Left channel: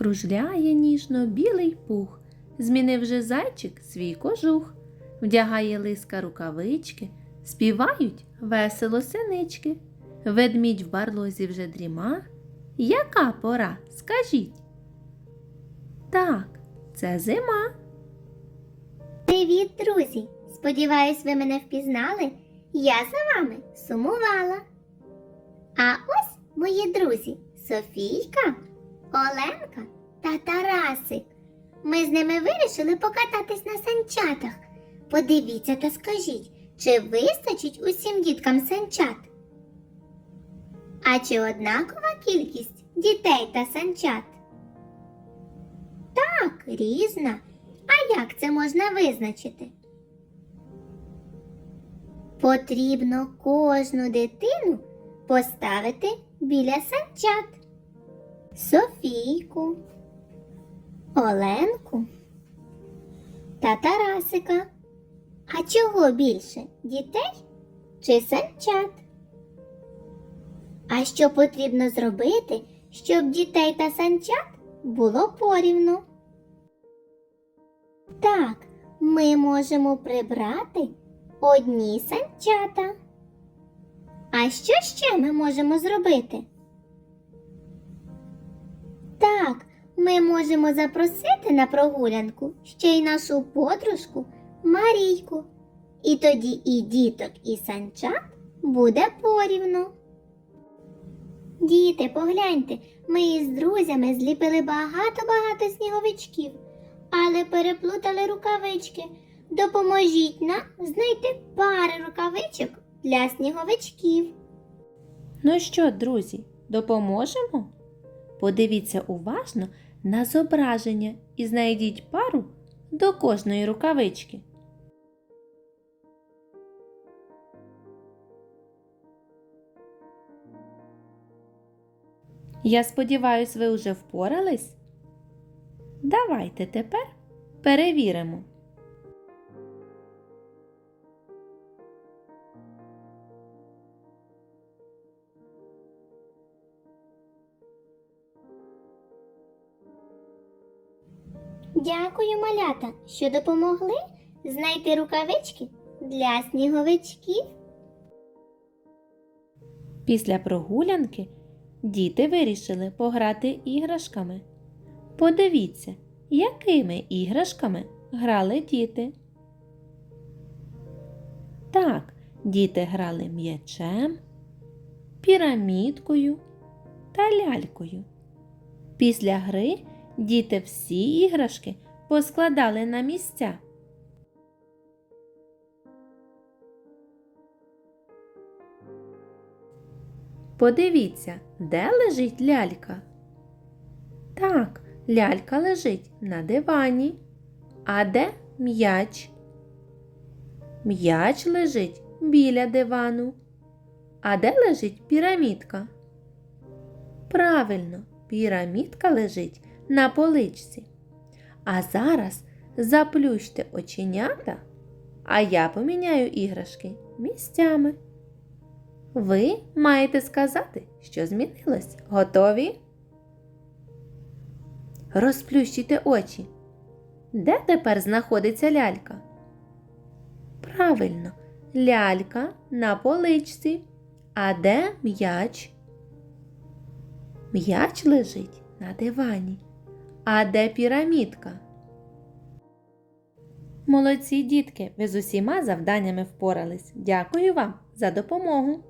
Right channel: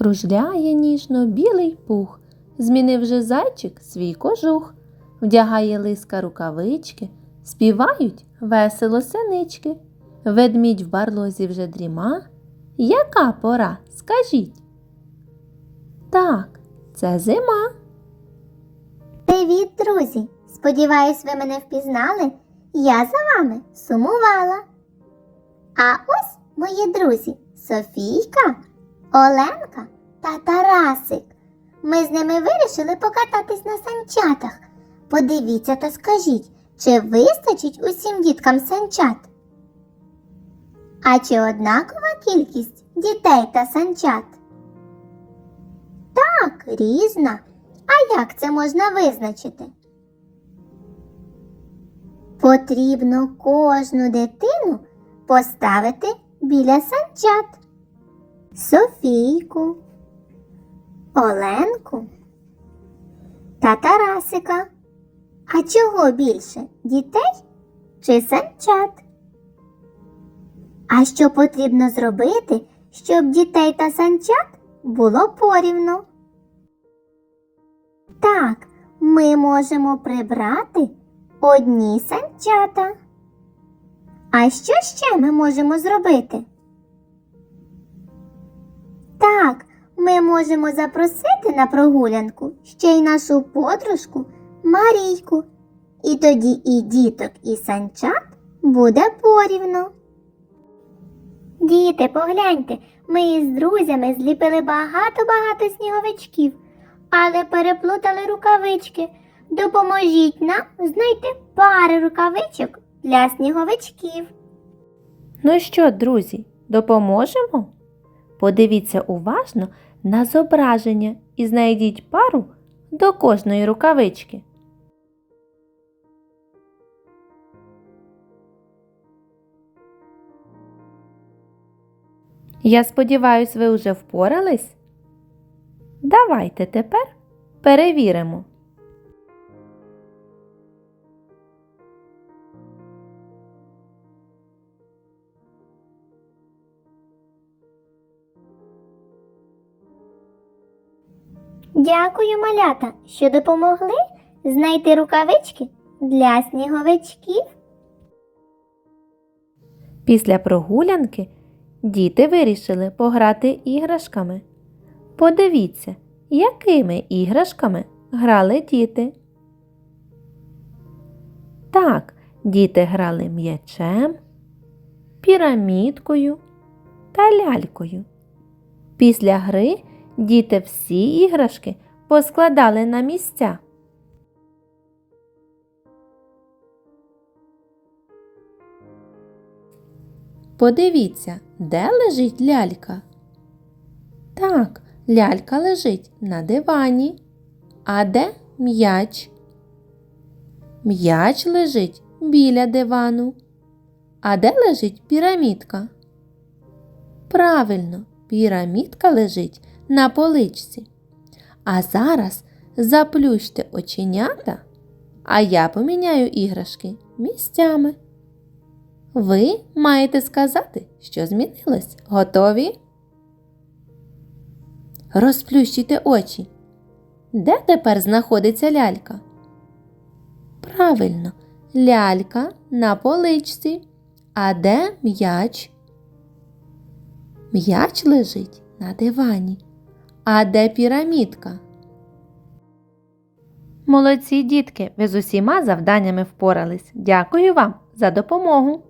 Кружляє ніжно білий пух, змінив же зайчик свій кожух, вдягає лиска рукавички, співають весело синички. Ведмідь в барлозі вже дріма. Яка пора, скажіть? Так, це зима. Привіт, друзі! Сподіваюсь, ви мене впізнали. Я за вами сумувала. А ось мої друзі Софійка, Оленка та Тарасик. Ми з ними вирішили покататись на санчатах. Подивіться та скажіть, чи вистачить усім діткам санчат? А чи однакова кількість дітей та санчат? Так, різна. А як це можна визначити? Потрібно кожну дитину поставити біля санчат. Софійку, Оленку та Тарасика. А чого більше дітей чи санчат? А що потрібно зробити, щоб дітей та санчат було порівну? Так, ми можемо прибрати одні санчата. А що ще ми можемо зробити? Так, ми можемо запросити на прогулянку ще й нашу подружку Марійку. І тоді і діток, і санчат буде порівну. Діти, погляньте, ми із друзями зліпили багато-багато сніговичків але переплутали рукавички. Допоможіть нам знайти пари рукавичок для сніговичків. Ну що, друзі, допоможемо? Подивіться уважно на зображення і знайдіть пару до кожної рукавички. Я сподіваюсь, ви вже впорались? Давайте тепер перевіримо. Дякую, малята, що допомогли знайти рукавички для сніговичків. Після прогулянки діти вирішили пограти іграшками. Подивіться, якими іграшками грали діти. Так, діти грали м'ячем, пірамідкою та лялькою. Після гри діти всі іграшки поскладали на місця. Подивіться, де лежить лялька. Так, лялька лежить на дивані. А де м'яч? М'яч лежить біля дивану. А де лежить пірамідка? Правильно, пірамідка лежить на поличці. А зараз заплющте оченята, а я поміняю іграшки місцями. Ви маєте сказати, що змінилось. Готові? Розплющите очі. Де тепер знаходиться лялька? Правильно, лялька на поличці. А де м'яч? М'яч лежить на дивані. А де пірамідка? Молодці дітки, ви з усіма завданнями впорались. Дякую вам за допомогу.